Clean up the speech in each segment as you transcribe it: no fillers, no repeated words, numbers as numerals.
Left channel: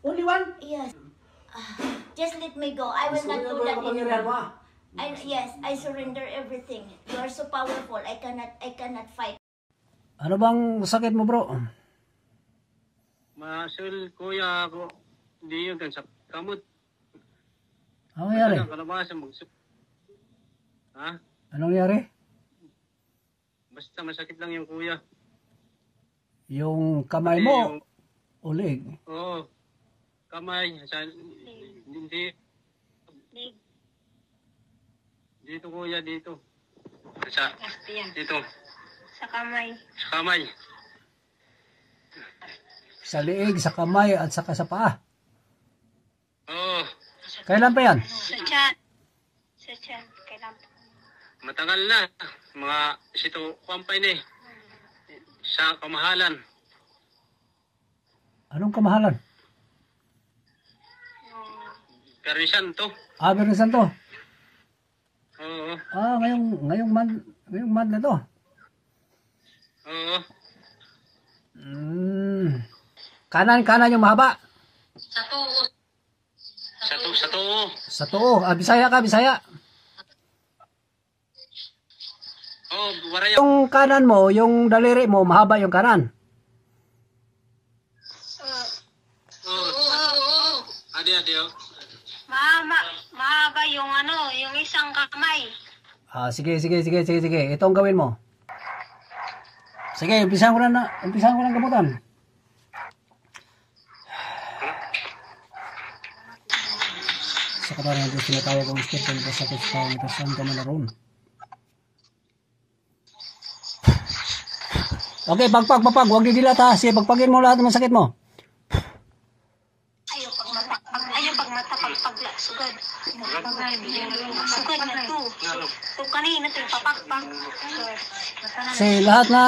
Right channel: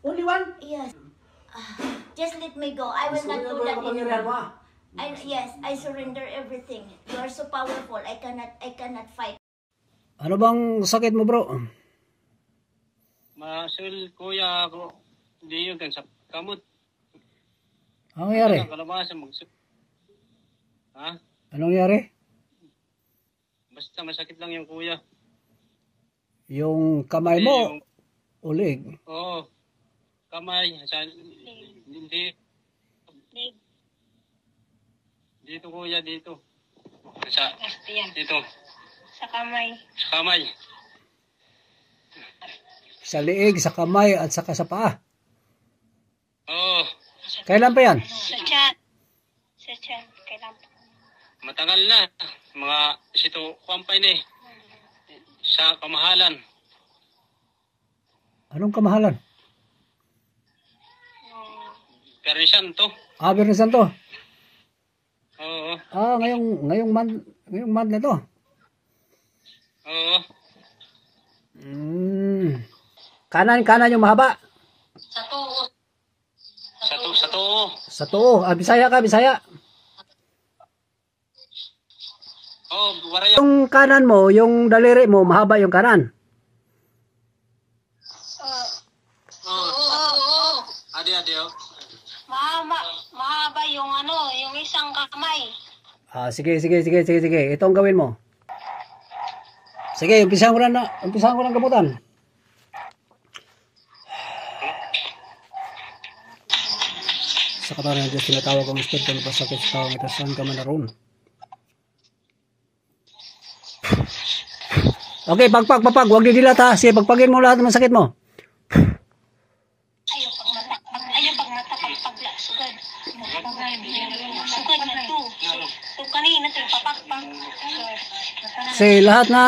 Only one? Yes. Just let me go. I will not do that anymore. Yes, I surrender everything. You are so powerful. I cannot fight. Ano bang sakit mo, bro? Masul, kuya, ako. Hindi yun kan sa kamot. Anong nangyari? Kalabasa Ha? Anong nangyari? Basta masakit lang yung kuya. Yung kamay mo, ulig. Oo. Kamay. Hindi. Dito kuya, dito. Dito. Sa kamay. Sa kamay. Sa liig, sa kamay, at saka sa paa. Oo. Kailan pa yan? Sa chan. Sa chan. Kailan pa? Matagal na. Mga sito kuwampay na eh. Sa kamahalan. Anong kamahalan? Permisan to. Bernie Santo. Oo. Ngayong month na to. Oo. Kanan yung mahaba. Sa to. Sa tuo. Bisaya ka, Bisaya. Oo, waraya. Yung kanan mo, yung daliri mo, mahaba yung kanan. Oo. Adi. Mahaba yung yung isang kamay. Sige. Ito ang gawin mo. Sige, umpisahan ko lang gamutan. Sa katawan ng Diyos, tinatawag ang Espiritu ng pasakit sa tao, ito saan ka man naroon. Okay, pagpag, huwag didilat ha. Sige, pagpagin mo lahat ng sakit mo. Ayaw pag mata, pagpagla, sugad. Sugad na to. So kanina ito yung papakpak. Sige, lahat na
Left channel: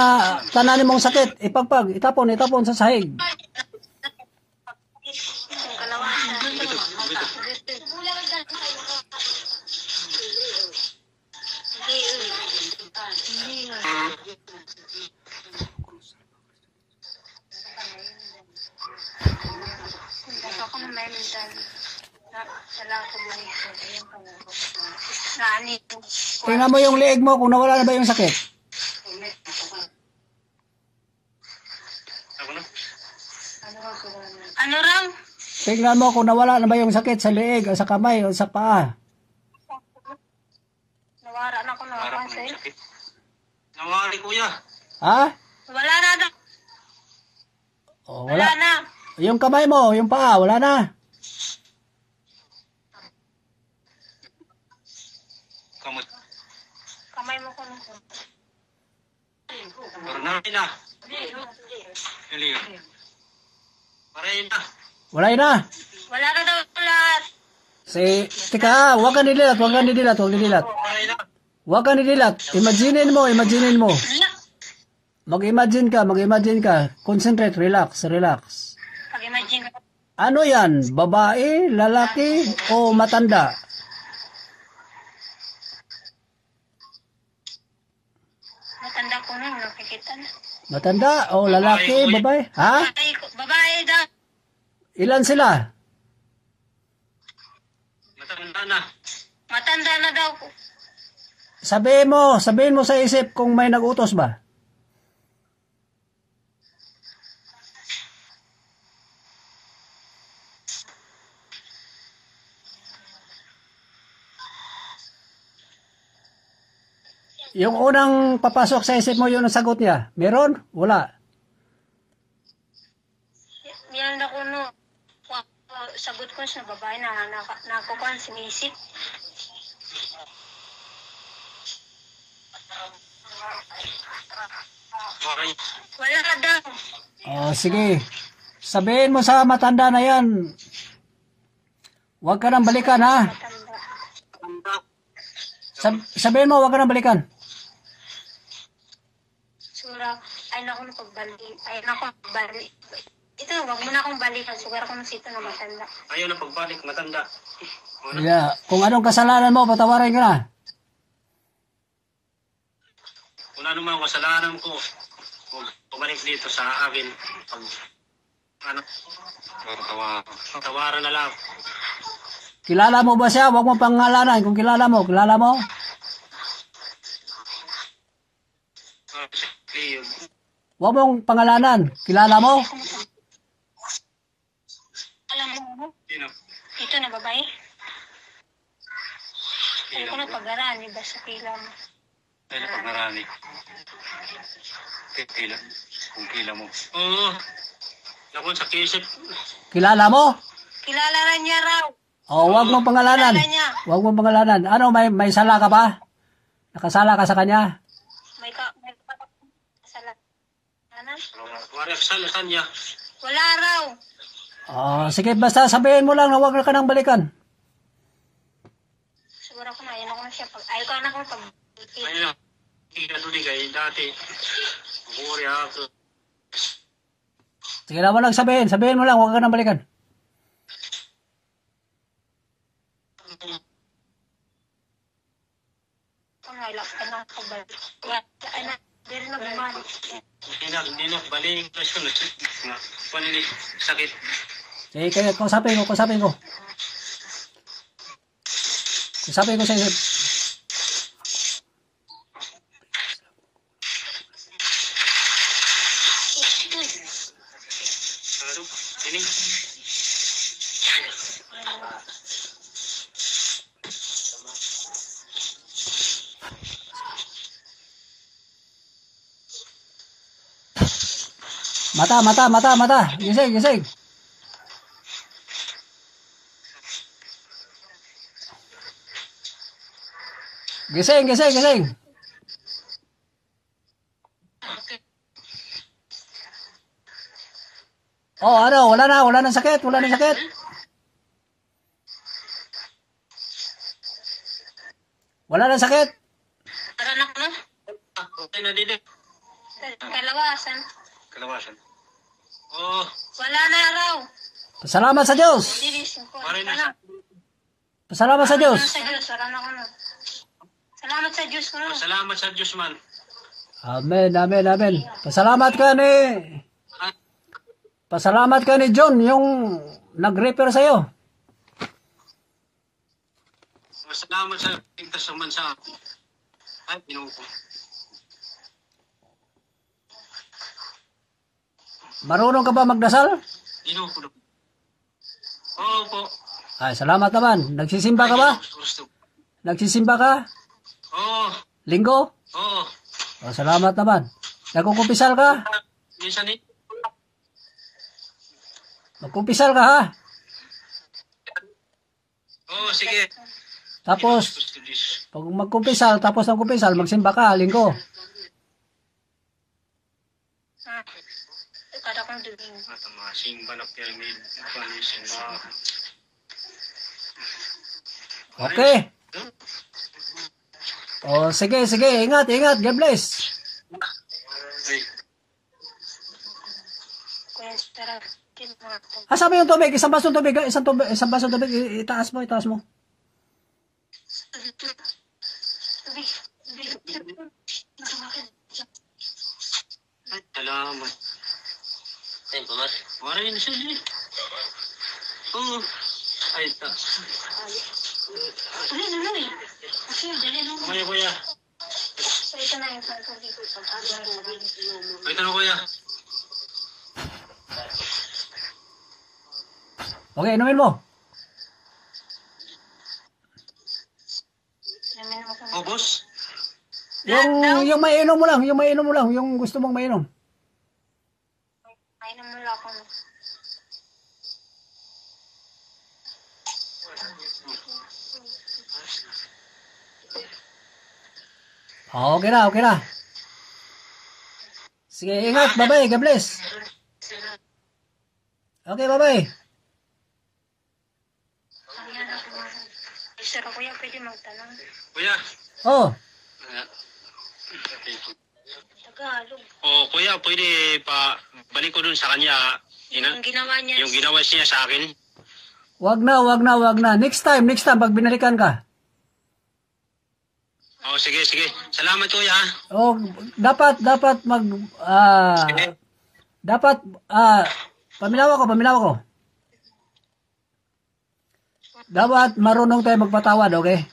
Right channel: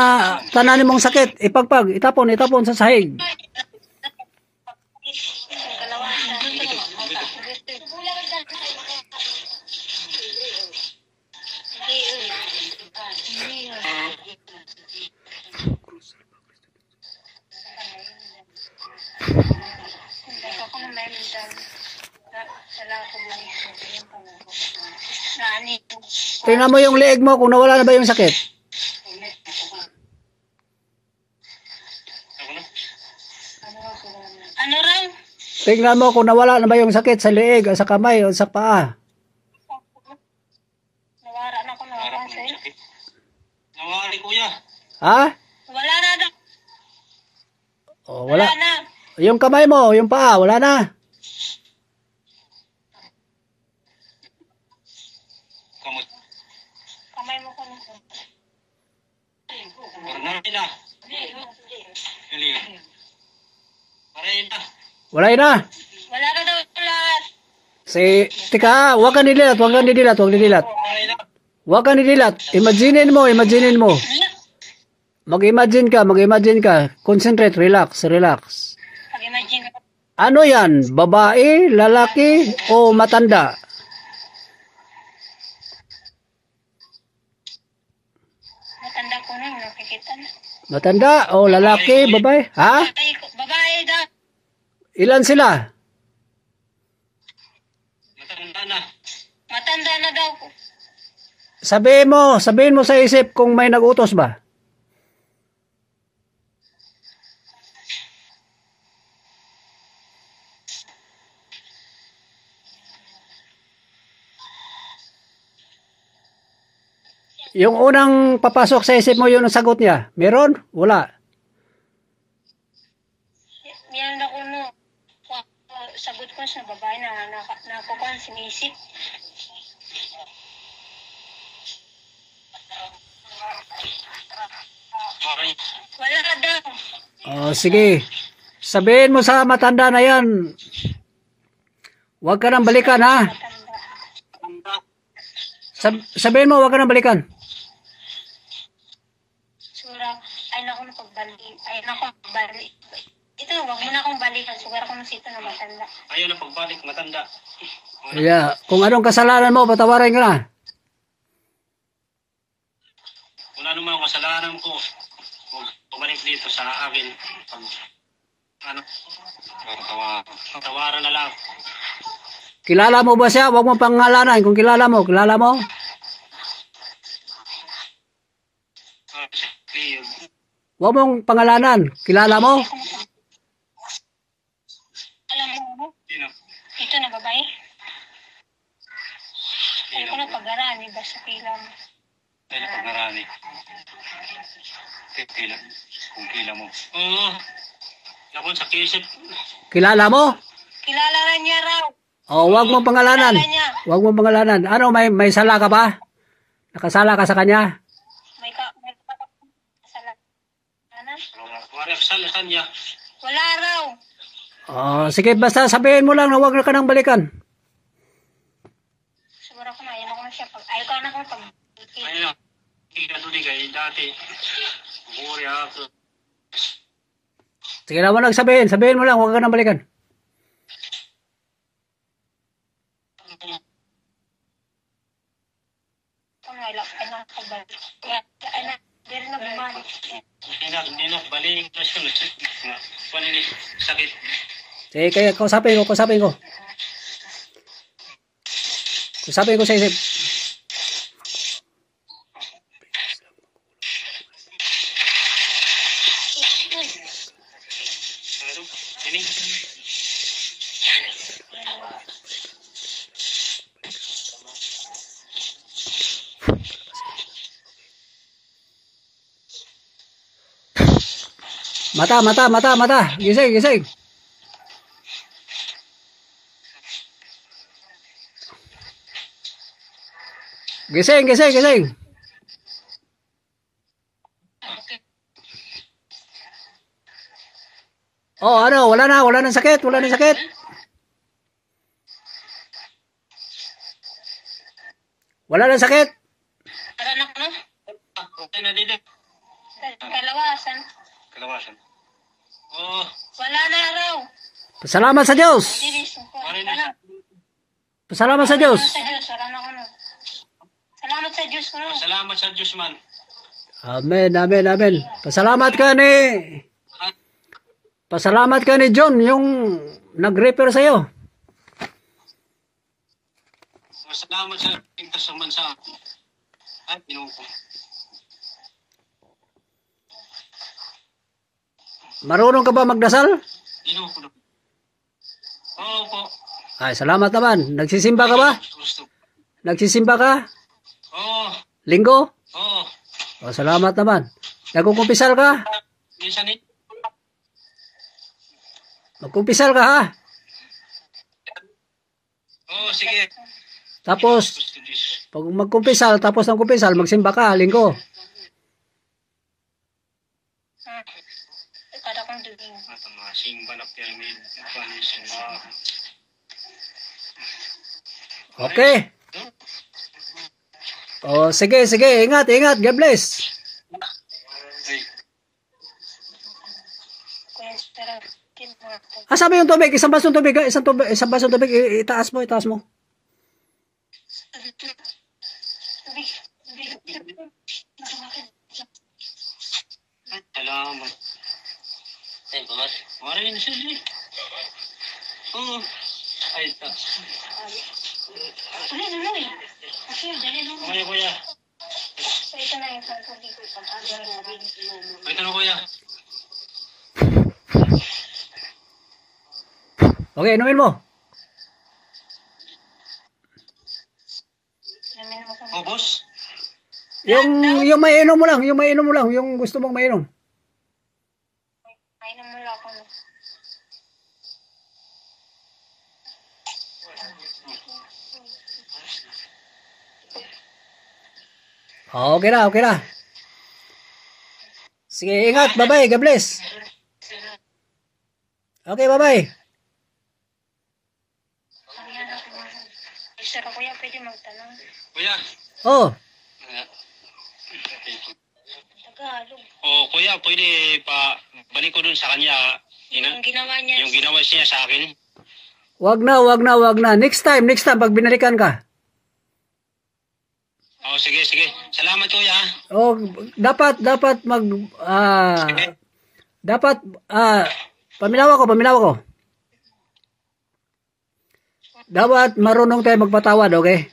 tananin mong sakit, ipagpag, itapon sa sahig. Tingnan mo yung leeg mo kung nawala na ba yung sakit. Ano raw? Tingnan mo kung nawala na ba yung sakit sa leeg o sa kamay o sa paa. Nawara na ko na sa'yo. Nawari kuya. Ha? Wala na daw. Oh, Wala na. Yung kamay mo, yung paa, wala na. Kamot. Kamay mo ko na. Barnay na. Kaliyo. Paray na. Wala na. Wala na daw lahat. Tika, huwag kang didilat. Paray na. Huwag kang didilat. Imaginin mo. Mag-imagine ka. Concentrate, relax. Pag-imagine ko. Ano yan? Babae, lalaki, o matanda? Matanda ko na, nakikita na. Matanda o lalaki, babae? Ha? Babae daw. Ilan sila? Matanda na daw ko. Sabihin mo sa isip kung may nag-utos ba? Yung unang papasok sa isip mo, yun ang sagot niya. Meron? Wala. Yan ako no. Sagot ko sa babae na nakukuhan sinisip. Wala ka daw. Sige. Sabihin mo sa matanda na yan. Huwag ka nang balikan, ha? Sabihin mo, huwag ka nang balikan. Sura, ay naku na pagbalik. Ito, wag mo na akong balikan. Sugar ko na sito na matanda. Ayaw na pagbalik, matanda. Yeah. Kung anong kasalanan mo, patawarin ka na. Kung ano man kasalanan ko, bumalik dito sa akin. Ano? Tawaran na lang. Kilala mo ba siya? Huwag mo pangalanan. Kung kilala mo, kilala mo? Leo. Huwag mong pangalanan. Kilala mo? Alam mo, Sino? ito na babae. Ay Sino? ko na pag-arani ba sa pila mo? Ay, napagarani. Kila. Kung kila mo. Oo. Nakon sa kisip. Kilala mo? Kilala rin niya raw. O, huwag mong pangalanan. Kilala niya. Huwag mong pangalanan. Ano, may sala ka ba? Nakasala ka sa kanya? May kasalanan. Wala kasal sa kanya. Wala raw. Sige, basta sabihin mo lang na huwag na ka nang balikan. Siguro ko na, ayaw ko na siya. Ayaw ko na akong pag... Ayun lang. Kaya doon kay dati. Buri ako. Sige na, walang sabihin. Sabihin mo lang, huwag ka nang balikan. Kung ay lang pagbalik. Ay na, di rin nagbumalik. Hindi na. Baling klasyon. Panini. Sakit. Sige, kaya kausapin ko. Kausapin ko sa isip. Ini. Mata. Gising. Gising. Oh, ano, wala nang sakit. Wala nang sakit. Anak mo? Okay na dito. Kalawasan. Kalawasan. Oh. Wala na raw. Pasalamat sa Diyos. Didisin ko. Maray na. Pasalamat sa Diyos. Wala na ko na. Salamat sa Diyos ko na. Salamat sa Diyos man. Amen. Pasalamat ka ni John, yung nag-repair sa'yo. Salamat sa tingkas sa mansa. Ay, pinupo. Marunong ka ba magdasal? Pinupo. Oo po. Ay, salamat naman. Nagsisimba ka ba? Gusto. Nagsisimba ka? Oo. Linggo? Oo. Salamat naman. Nagkukumpisal ka? Minsan eh. Magkumpisal ka ha? Oo, sige. Tapos, pag magkumpisal, tapos ng kumpisal, magsimba ka, linggo. Kada kong duging. At ang mga simba na pyramid. Simba. Okay. Sige. Ingat. God bless. Ay, Kuya, tara. Sabi yung tubig, isang basong tubig, itaas mo. salamat. Ay, pumas. Maray na siya. Oo. Ay, ta. Tuloy. Kasi dali nung. Kuya. So, ito na yung sasabi ko. Ay, tanong kuya. Okay, inumin mo. Oh, boss. Yung mainom mo lang, yung gusto mong mainom. Ay, namula ko na. Okay na. Sige, ingat, bye-bye, God bless. Okay, bye-bye. Sir, kuya, pwede magtanong. Kuya. Oh, Tagalog. Oh, kuya, pwede pa balik ko dun sa kanya. Yung ginawa niya. Yung ginawa niya sa akin. wag na. Next time, pag binalikan ka. Oh, sige. Salamat kuya. Oh, dapat Paminawa ko. Dapat marunong tayo magpatawad, okay?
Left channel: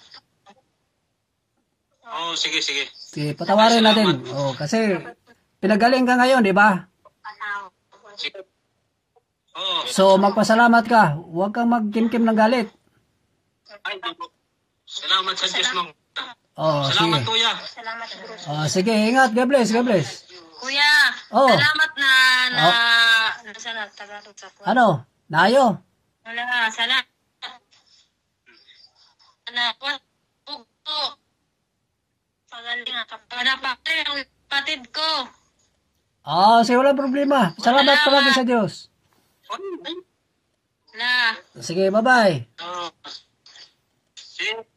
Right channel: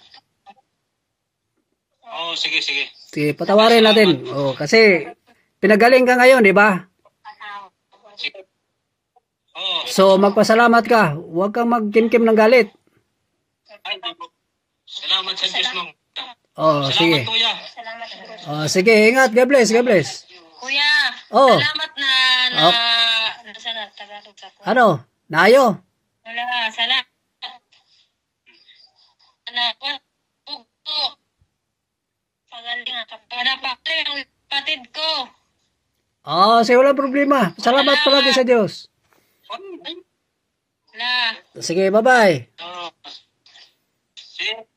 Oo, sige. Sige, patawarin natin. Oh, kasi pinagaling ka ngayon, di ba? Sige. Oo. So, magpasalamat ka. Huwag kang magkimkim ng galit. Ay, salamat sa Diyos mo. Oh, Salamat, sige. kuya. Salamat, Bruce. Oh, sige, ingat. God bless. Kuya, Oh. salamat na nasa na Tagalog sa kuya. Ano? Naayo? Wala, salamat. Pagaling nga kapatid ang patid ko. Oh, sige, walang problema. Salamat palagi sa Diyos. Wala. Sige, bye-bye. Oo. Sige.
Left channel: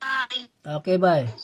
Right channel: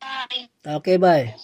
Bye. Okay, bye.